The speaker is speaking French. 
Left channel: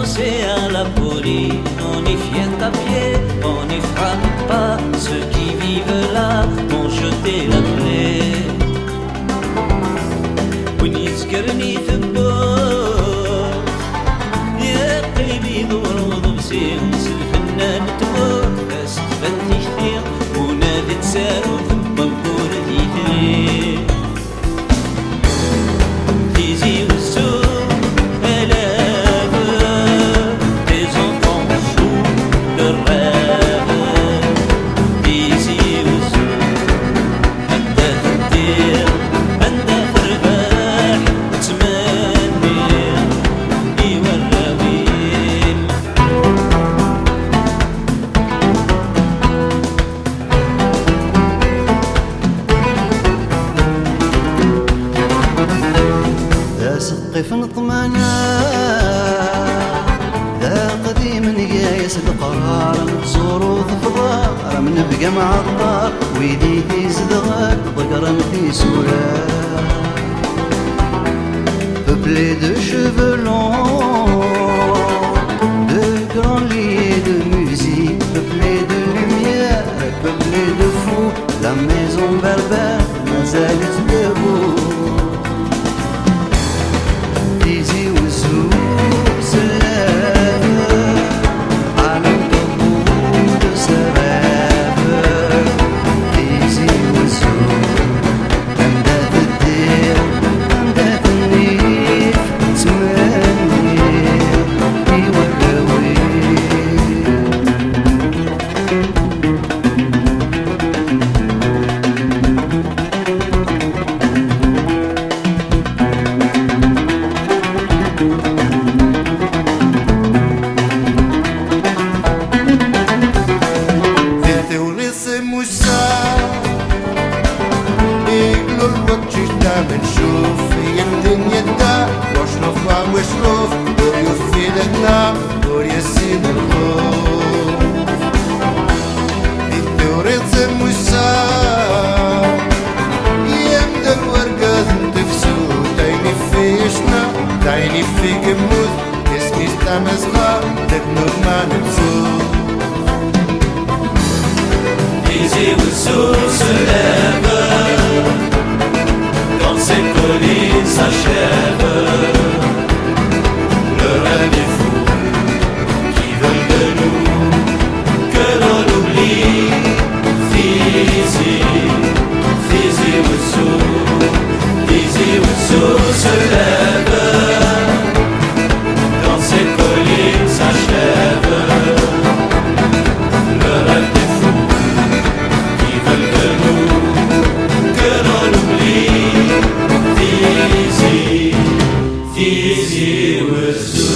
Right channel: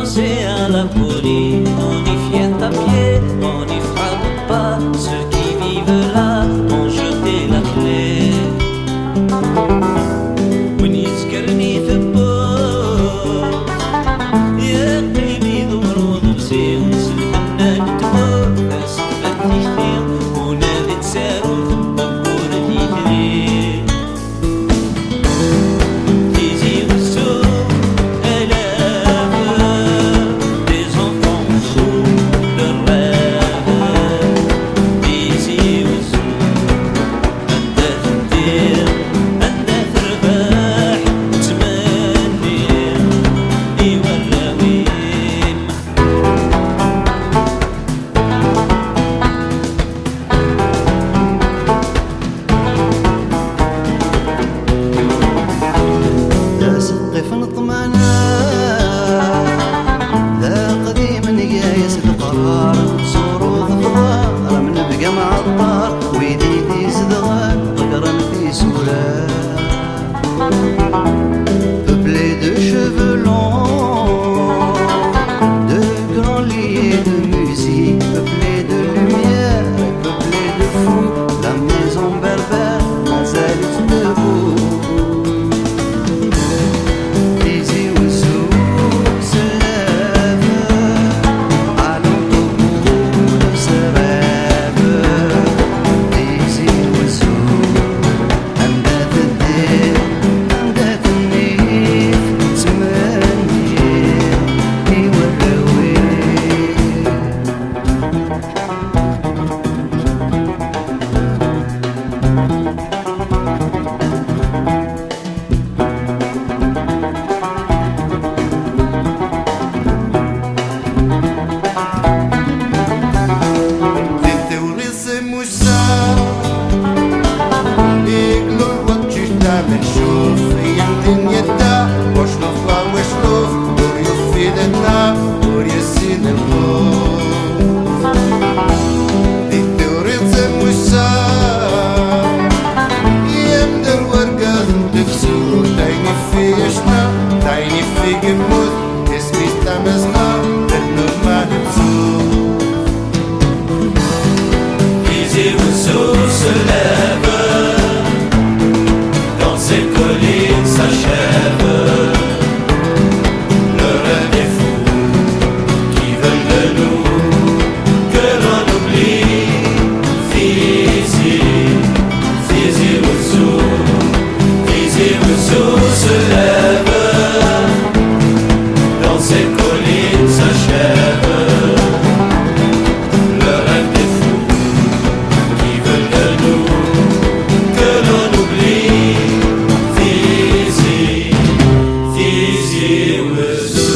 danser à la colline, on y vient à pied, on n'y frappe pas. Ceux qui vivent là ont jeté la clé. ونذكرني ثبوت يا قيمي ذور وضبسي ونس الفنان تمور فاست فانتي كثير ونادي تسارو ثم نقول ثيثري تيزي والسوق آلاف des enfants sous de rêve تيزي والسوق أنت تدير أنت تربح وتمني إيوا الراويم ذا سقف نطمنا ذا قديم قايس القرار نتزورو ثفضار من بقى معطار ويدي ذي زدغان ضقرا في سورة peuplé de cheveux longs, de grands lits de musique, peuplé de lumière, peuplé de fous, la maison berbère, la zalite debout. Tizi Ouzou se lève, allons au bout de ce rêve. Tizi Ouzou, anda تدير anda تنيف تمنير إيوا الراويل. بنشوف هي الدنيا دا واش نفوى واش نوف دور يفيدنا دور يسين الخوف دي التوريد سموسا يمدى الورقة تفسو تايني في يشنا تايني في قموث اسمي استمزغا تدنور ما نتسوف Tizi Ouzou se lève, dans ces collines s'achève. Le rêve est fou, qui veut de nous que l'on oublie. Tizi, Tizi Ouzou, Tizi Ouzou se lève, dans ces collines s'achève. Le rêve est fou, qui veut de nous que l'on oublie. Tizi, Tizi Ouzou.